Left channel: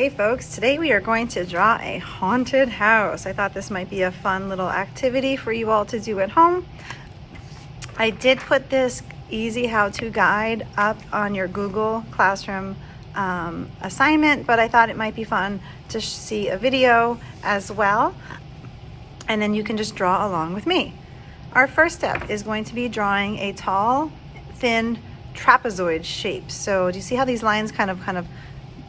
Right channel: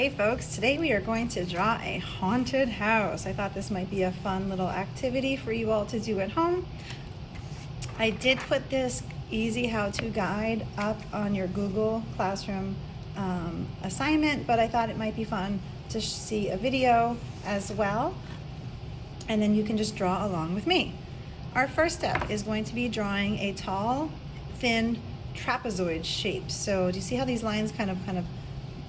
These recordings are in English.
Hey folks, today we are going to draw a haunted house. I thought this might be a fun little activity for you all to do at home. I did put this easy how-to guide up on your Google Classroom assignment, but I thought it might be fun to see a video as well, and then you can just draw along with me. Our first step is going to be drawing a tall, thin trapezoid shape. So do you see how these lines kind of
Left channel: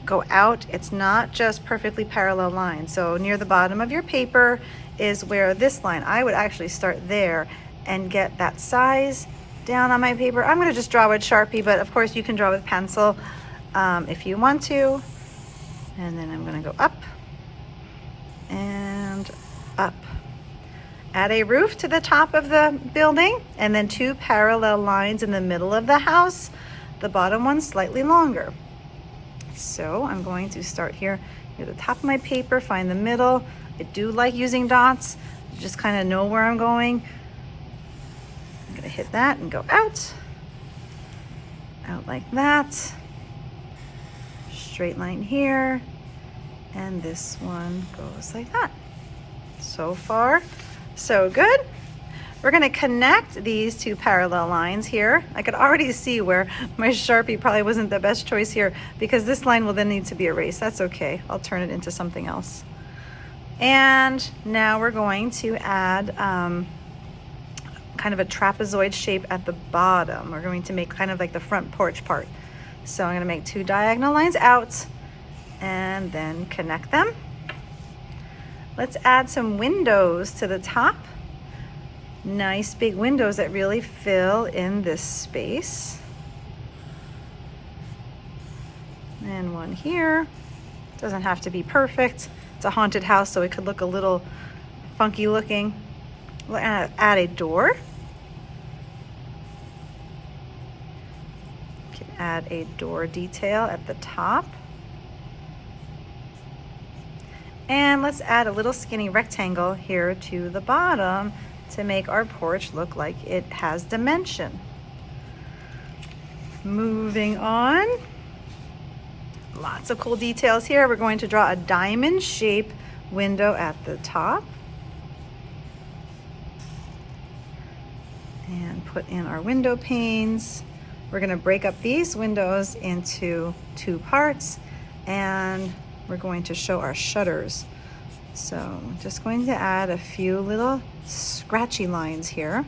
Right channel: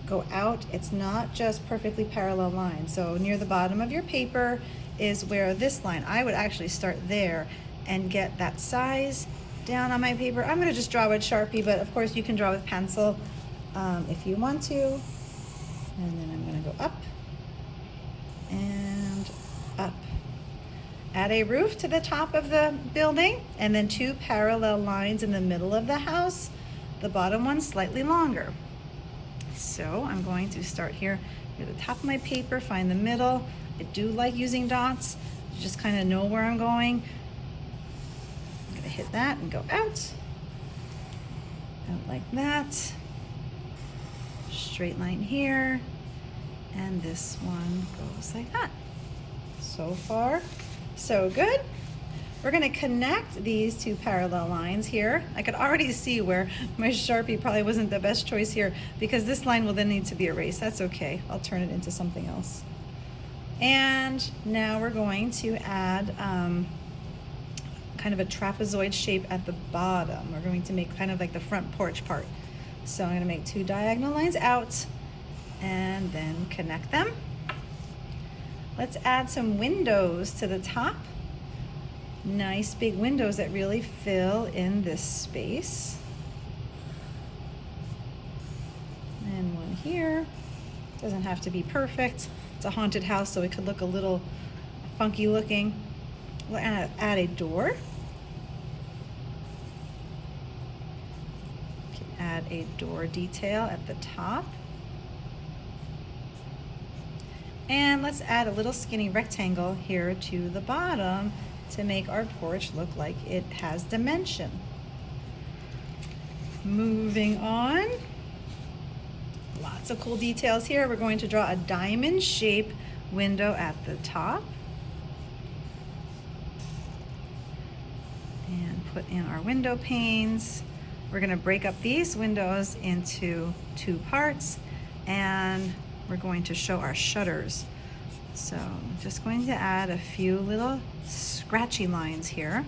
go out? It's not just perfectly parallel lines. So near the bottom of your paper is where this line, I would actually start there and get that size down on my paper. I'm gonna just draw with Sharpie, but of course you can draw with pencil if you want to. And then I'm gonna go up and up. Add a roof to the top of the building and then two parallel lines in the middle of the house, the bottom one slightly longer. So I'm going to start here near the top of my paper, find the middle. I do like using dots, just kind of know where I'm going. I'm gonna hit that and go out like that. Straight line here, and this one goes like that. So far, so good. We're gonna connect these two parallel lines here. I could already see where my Sharpie probably wasn't the best choice here because this line will then need to be erased. That's okay, I'll turn it into something else. And now we're going to add kind of a trapezoid shape at the bottom. We're going to make kind of like the front porch part. So I'm gonna make two diagonal lines out and then connect them. Let's add some windows to the top. Nice big windows that really fill in this space. And one here. Doesn't have to be perfect. It's a haunted house, so it could look a little funky looking. We'll add a door. You can add a door detail at the top. And let's add a little skinny rectangle here to the bottom to make our porch look like it has dimension. Moving on. Lots of cool details here. We're going to draw a diamond shape window at the top. And put in our window panes. We're gonna break up these windows into two parts, and we're going to show our shutters. So I'm just going to add a few little scratchy lines here.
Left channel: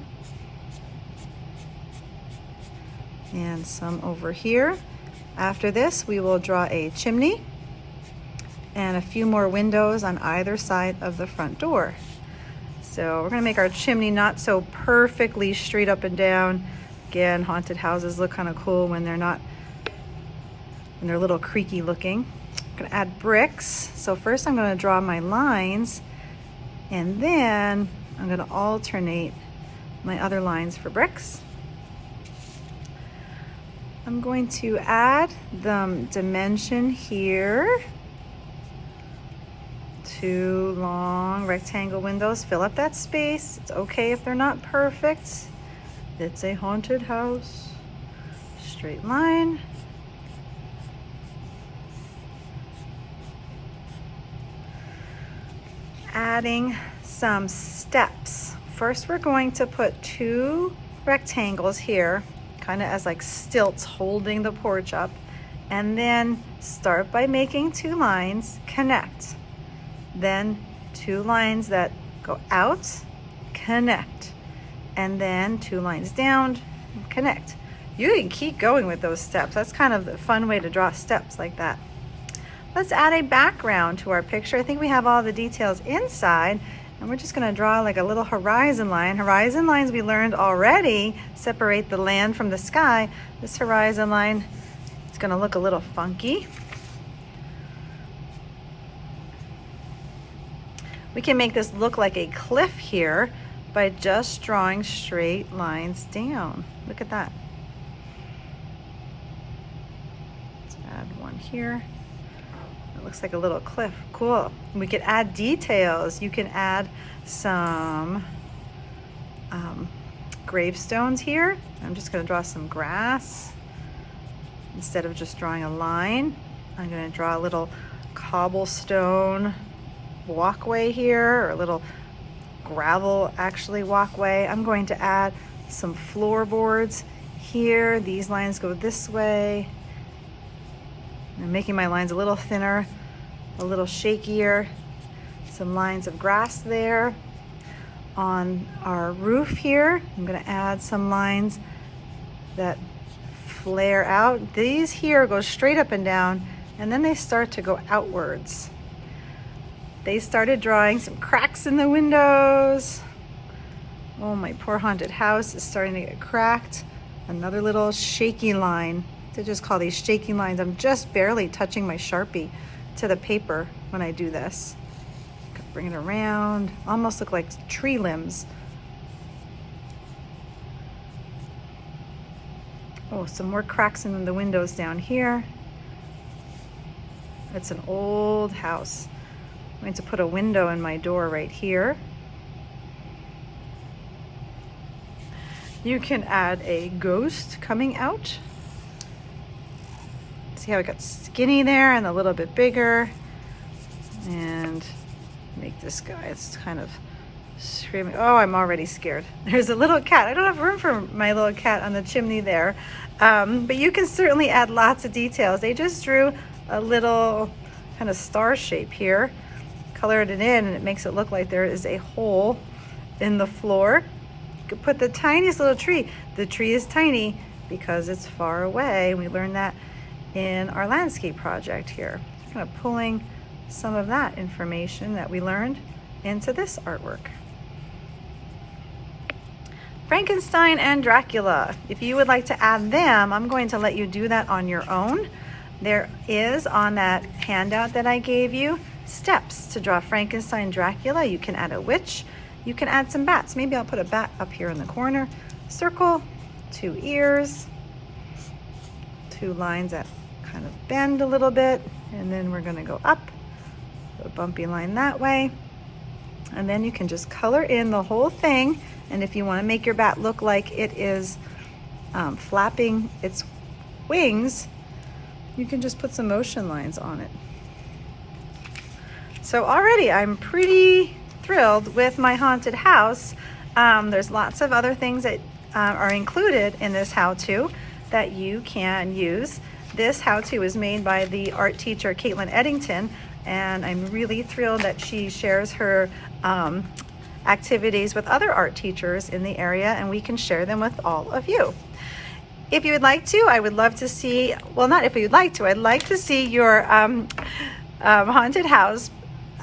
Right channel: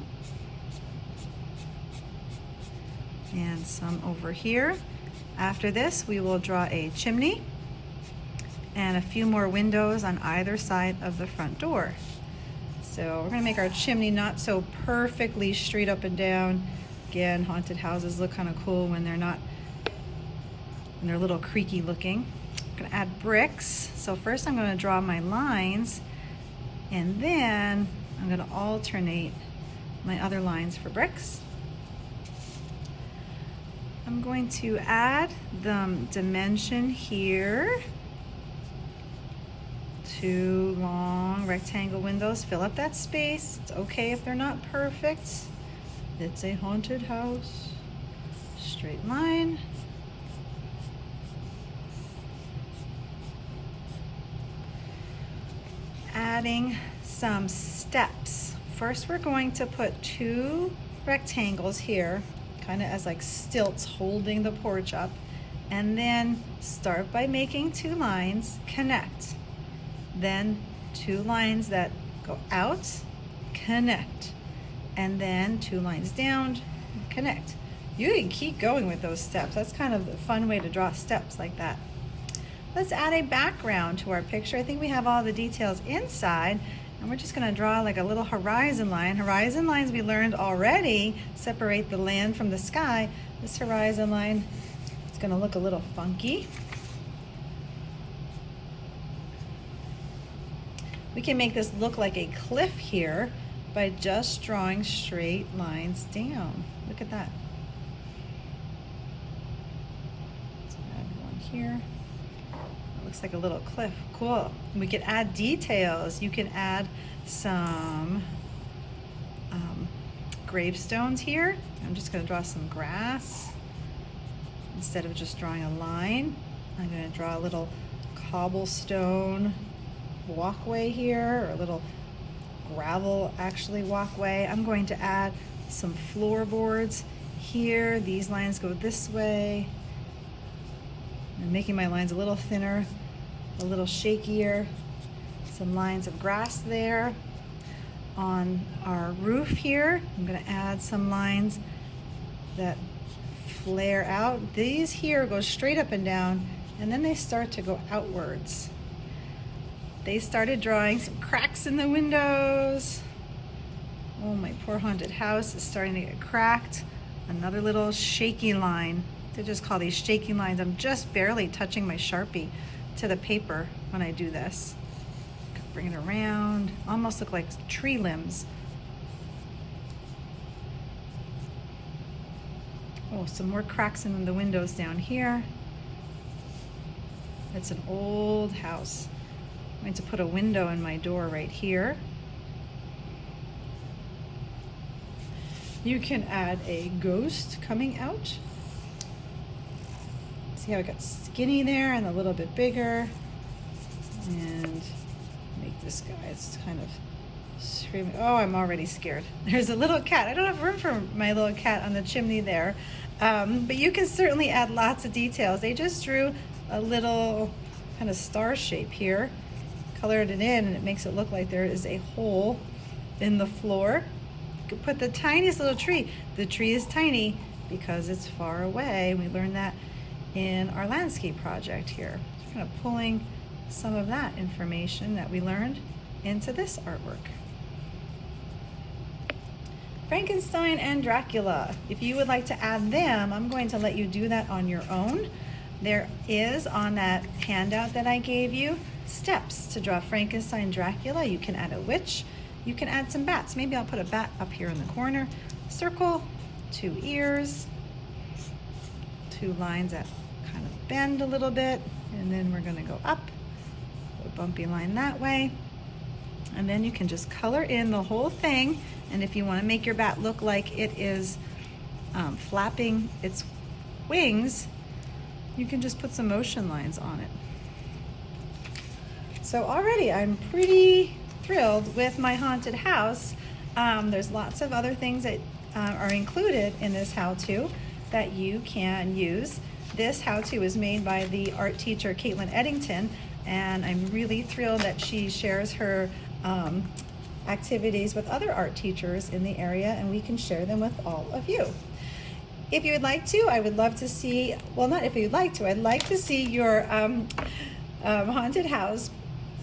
And some over here. After this, we will draw a chimney and a few more windows on either side of the front door. So we're gonna make our chimney not so perfectly straight up and down. Again, haunted houses look kind of cool when they're not, when they're a little creaky looking. I'm gonna add bricks. So first I'm gonna draw my lines, and then I'm gonna alternate my other lines for bricks. I'm going to add the dimension here. Two long rectangle windows, fill up that space. It's okay if they're not perfect. It's a haunted house. Straight line. Adding some steps. First, we're going to put two rectangles here, kind of as like stilts holding the porch up, and then start by making two lines connect. Then two lines that go out, connect, and then two lines down, connect. You can keep going with those steps. That's kind of a fun way to draw steps like that. Let's add a background to our picture. I think we have all the details inside, and we're just gonna draw like a little horizon line. Horizon lines we learned already separate the land from the sky. This horizon line is gonna look a little funky. We can make this look like a cliff here by just drawing straight lines down. Look at that. Let's add one here. Looks like a little cliff. Cool. We could add details. You can add some gravestones here. I'm just going to draw some grass instead of just drawing a line. I'm going to draw a little cobblestone walkway here, or a little gravel actually walkway. I'm going to add some floorboards here. These lines go this way. I'm making my lines a little thinner, a little shakier. Some lines of grass there. On our roof here, I'm going to add some lines that flare out. These here go straight up and down, and then they start to go outwards. They started drawing some cracks in the windows. Oh, my poor haunted house is starting to get cracked. Another little shaky line. They just call these shaky lines. I'm just barely touching my Sharpie to the paper when I do this. Bring it around, almost look like tree limbs. Oh, some more cracks in the windows down here. It's an old house. I'm going to put a window in my door right here. You can add a ghost coming out. See how it got skinny there and a little bit bigger. And make this guy, it's kind of screaming. Oh, I'm already scared. There's a little cat. I don't have room for my little cat on the chimney there. But you can certainly add lots of details. They just drew a little kind of star shape here, colored it in, and it makes it look like there is a hole in the floor. You could put the tiniest little tree. The tree is tiny because it's far away. We learned that in our landscape project here. Just kind of pulling some of that information that we learned into this artwork. Frankenstein and Dracula. If you would like to add them, I'm going to let you do that on your own. There is on that handout that I gave you steps to draw Frankenstein, Dracula. You can add a witch. You can add some bats. Maybe I'll put a bat up here in the corner. Circle, 2 ears, 2 lines that kind of bend a little bit, and then we're going to go up. A bumpy line that way, and then you can just color in the whole thing. And if you want to make your bat look like it is flapping its wings, you can just put some motion lines on it. So already I'm pretty thrilled with my haunted house. There's lots of other things that are included in this how-to that you can use. This how-to is made by the art teacher Caitlin Eddington, and I'm really thrilled that she shares her activities with other art teachers in the area, and we can share them with all of you. If you would like to, I would love to see, well, not if you'd like to, I'd like to see your haunted house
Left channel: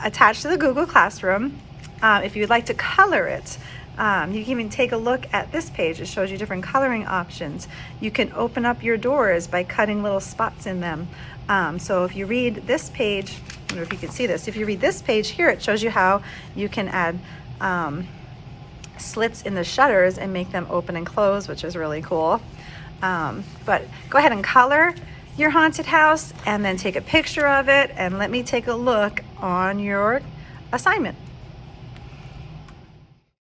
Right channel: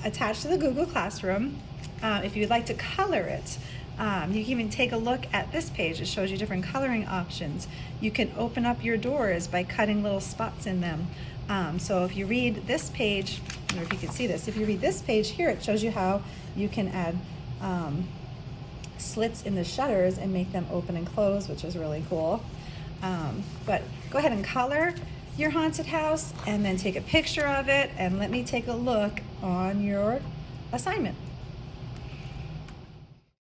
attached to the Google Classroom. If you'd like to color it, you can even take a look at this page. It shows you different coloring options. You can open up your doors by cutting little spots in them. So if you read this page, I don't know if you can see this, if you read this page here, it shows you how you can add slits in the shutters and make them open and close, which is really cool. But go ahead and color your haunted house and then take a picture of it and let me take a look on your assignment.